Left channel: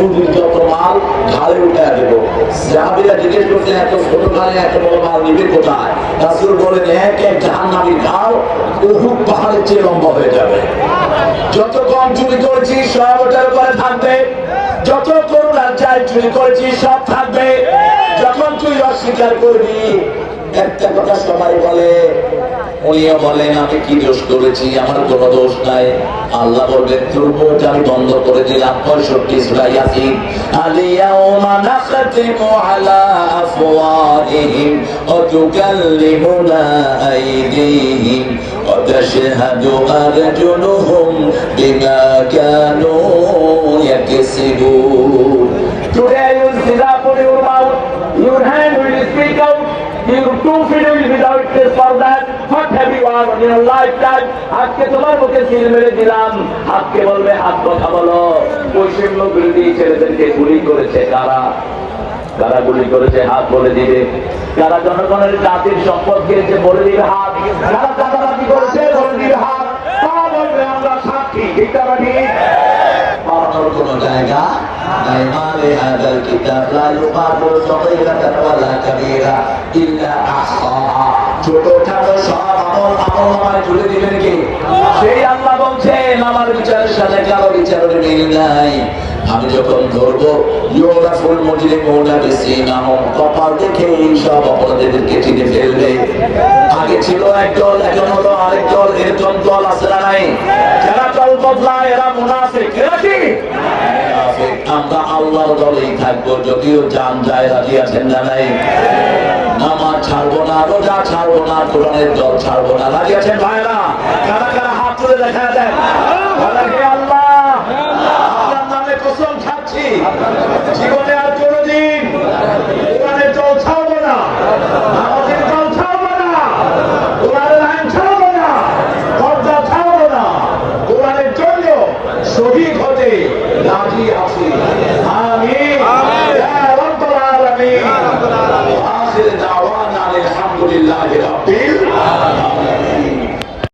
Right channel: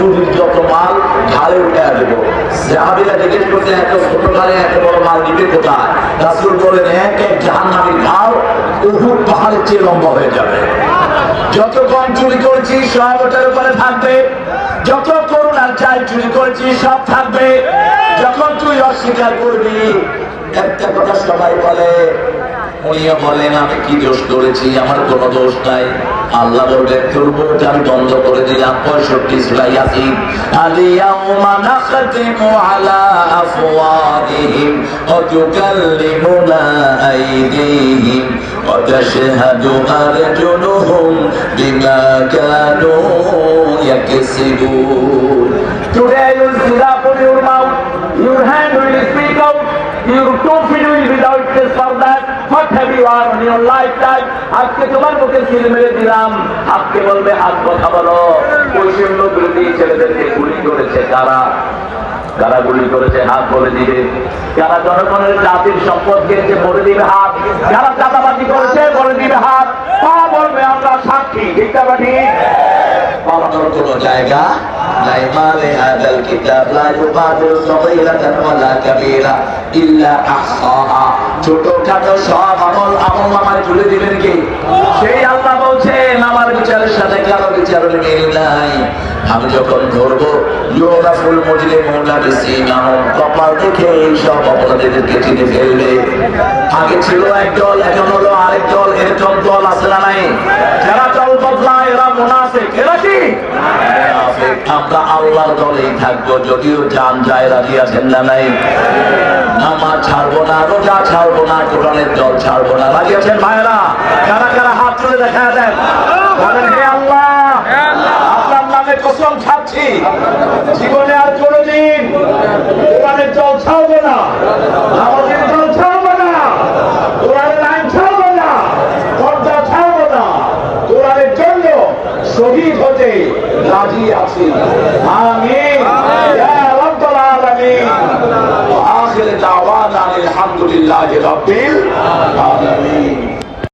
চুরির যত মাল ঢালে উঠে দেবো। সাহাবীরা জিজ্ঞেস করছে এত ছোট ঢালে এত বড় মাল নিবে কোথায়? রাসূল বলেন এক এক জাহান্নামীর ঘাও উহুদ পাহাড়ের চেয়ে লম্বা হয়ে যাবে। যত কম চুরি করেছি সব ওটার উপরে থাকবে, যত করুণার চাই চুরি করেছি সব থাকবে। যখন তুই অস্বীকার করবি একটা কথা সবাই বলে, উনিও বলেন আমি কি দোষ করেছি? আমার কোনো দোষ নাই। আল্লাহ বলবেন তোর মুখ আমি বন্ধ করে দিলাম। 65 সূরা ইয়াসিন, আল-ইয়াওমা নাখতিমু আলা আফওয়াহিহিম ওয়া তুকাল্লিমুনা আইদিহিম ওয়া তাশহাদু আরজুলুহুম বিমা Kanu ইয়াকসিবুন। Today you will sit up on your mouth, your hand will speak out, your two feet will be without this or that. What have you done in your lifetime? আজকে তোমার মুখে সিল মেরে দিলাম। আজকে বলবে হাত কথা বলো। পশ্চিম লোক বিরোধী ছেলেদেরকে গুলি করেছে কারা? কারা গুলি করেছে? হাত বলে দিবে। কারা জনগণের জাতির সম্পদ খেয়েছে বলে দিবে হাত। কারা চাঁদাবাজি করেছে বলে দিবে হাত। তারা বলবে আমরা সাক্ষী। ঠিক না ঠিক? পালানোর কোনো জায়গা নাই। মানে হাদাল কিতাব লা ইউগাদিরু সাগীরাতান ওয়ালা কাবীরা ইল্লা আহসাহা। ছোটখাটো সব আমলনামায় তুলে দিবেন কি? সেই আল্লাহ বলছেন আমার বিচারের সাথে কারো বিচারের মিল নাই। আমি যখন ধরবো ইউগাফুল মুজরিমুনা বিসিমাহুম, কপাল দেখে সব অপরাধীদেরকে চিনে ফেলবে। আগে ছিল একদল, এখন হলো আরেক দল। এরকম দল আছে না নাই? যারা দল বদলায় এরা মুনাফিক। এরা কি? আমরা আল্লাহর দলেই থাকবো যদিও জান যায়। রাজি আছেন না নাই? নামাজ ছাড়বো না, রোজা ছাড়বো না, কোরআনের দল ছাড়বো না। রাজি আছেন ভাইরা? কারা কারা হাত তুলে দেখা দেন? বলেন হে আল্লাহ, আপনার নামে কসম খাচ্ছি জীবনে আর কোনোদিন কোরআনের দল ছাড়বো না, নামাজের দল ছাড়বো না, কোরআনের আইন ছাড়বো না, পর্দা ছাড়বো না। কোরআনের জন্য শহীদ হতে রাজি আছি। আমিন ইয়া রাব্বাল আলামিন। আখির দাওয়ানা আলহামদুলিল্লাহি রাব্বিল